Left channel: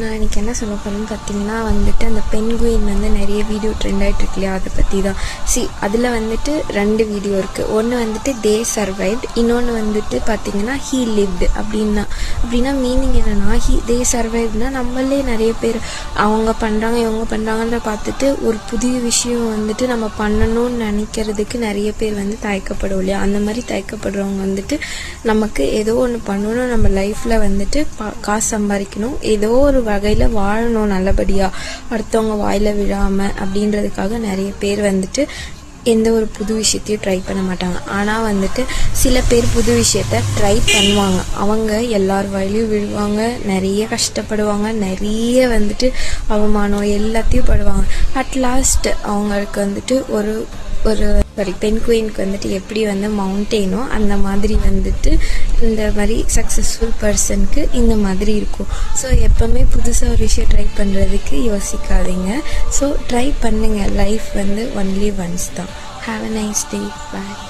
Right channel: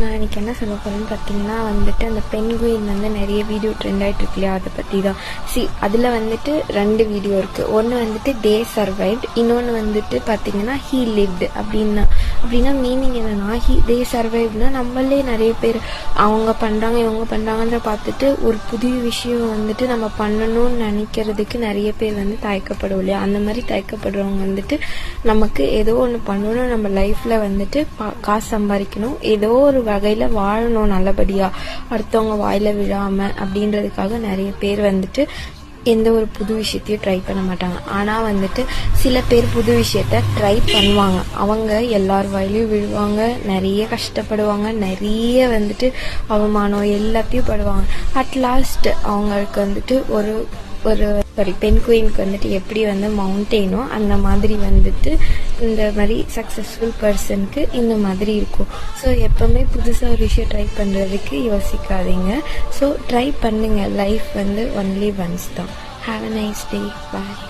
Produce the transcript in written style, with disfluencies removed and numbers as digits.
நான் எனக்கு என்ன சொல்ல போகிறேன்னு பார்த்தீங்கன்னா வந்துட்டு அந்த பென்குயின் வந்து நிறைய வீடியோ ட்ரெண்ட் ஆகிட்டு இருக்கு இல்லையா, அதை பற்றி தான். அதில் வந்துட்டு 2 வீடியோ இருக்குது. ஒன்று வந்துட்டு தே சர்வைவ்ட், இன்னொன்று வந்துட்டு பார்த்தீங்கன்னா ஹீ லிவ்டு. அப்படின்னா மீனிங் என்னென்னா தே சர்வைவ்னா நம்மளே நிறைய பேர் அவங்க பண்ணுறாங்க இவங்க பண்ணுறாங்கன்ற பார்த்துட்டு ஒரு புதிய விஷயம் வந்துட்டு நம்ம பண்ணணும்னு நினைக்கிறதுக்கு நிறைய பேர் வந்து தயக்கப்படும் இல்லையா. அந்த மாதிரி தயக்கப்படுறவங்க வந்துட்டு நமக்கு ஏதோ ஒன்று பண்ணணும், நம்ம லைஃப்பில் வந்துட்டு காசு சம்பாதிக்கணும், ஏதோ ஒரு வகையில் வாழணும் நல்லபடியாக, அடுத்தவங்க வாயில் விழாமல் அப்படின்றதுக்காக நிறைய பேர் வந்துட்டு எந்த ஒரு புது விஷயத்தையும் ட்ரை பண்ண மாட்டாங்க. ஆனால் வந்துட்டு சில பேர் புது விஷயத்த ட்ரை பண்ணுவாங்க, அவங்க எல்லார் வாயிலையும் விழுவாங்க, நிறைய கஷ்டப்படுவாங்க, நிறைய வந்துட்டு அவமானம் எல்லாத்தையும் படுவாங்க. அட் லாஸ்ட் அவங்களுக்கு வந்துட்டு ஒரு பென்குயினுக்கு வந்துட்டு எப்படி வந்து மவுண்டெயினோ அந்த மாதிரி வந்துட்டு இந்த மாதிரி சக்ஸஸ்ஃபுல் பர்சனுக்கு இந்த மாதிரி இருக்கும். ஸோ எப்போவுமே புதுசாக ஒரு விஷயம் ட்ரை பண்ணுறதுக்கு யோசிக்காதீங்க. ஸோ ட்ரை பண்ணுங்கள். லைஃப் வந்து ஒன்லி ஒன்ஸ் தான். Have a nice day. Bye.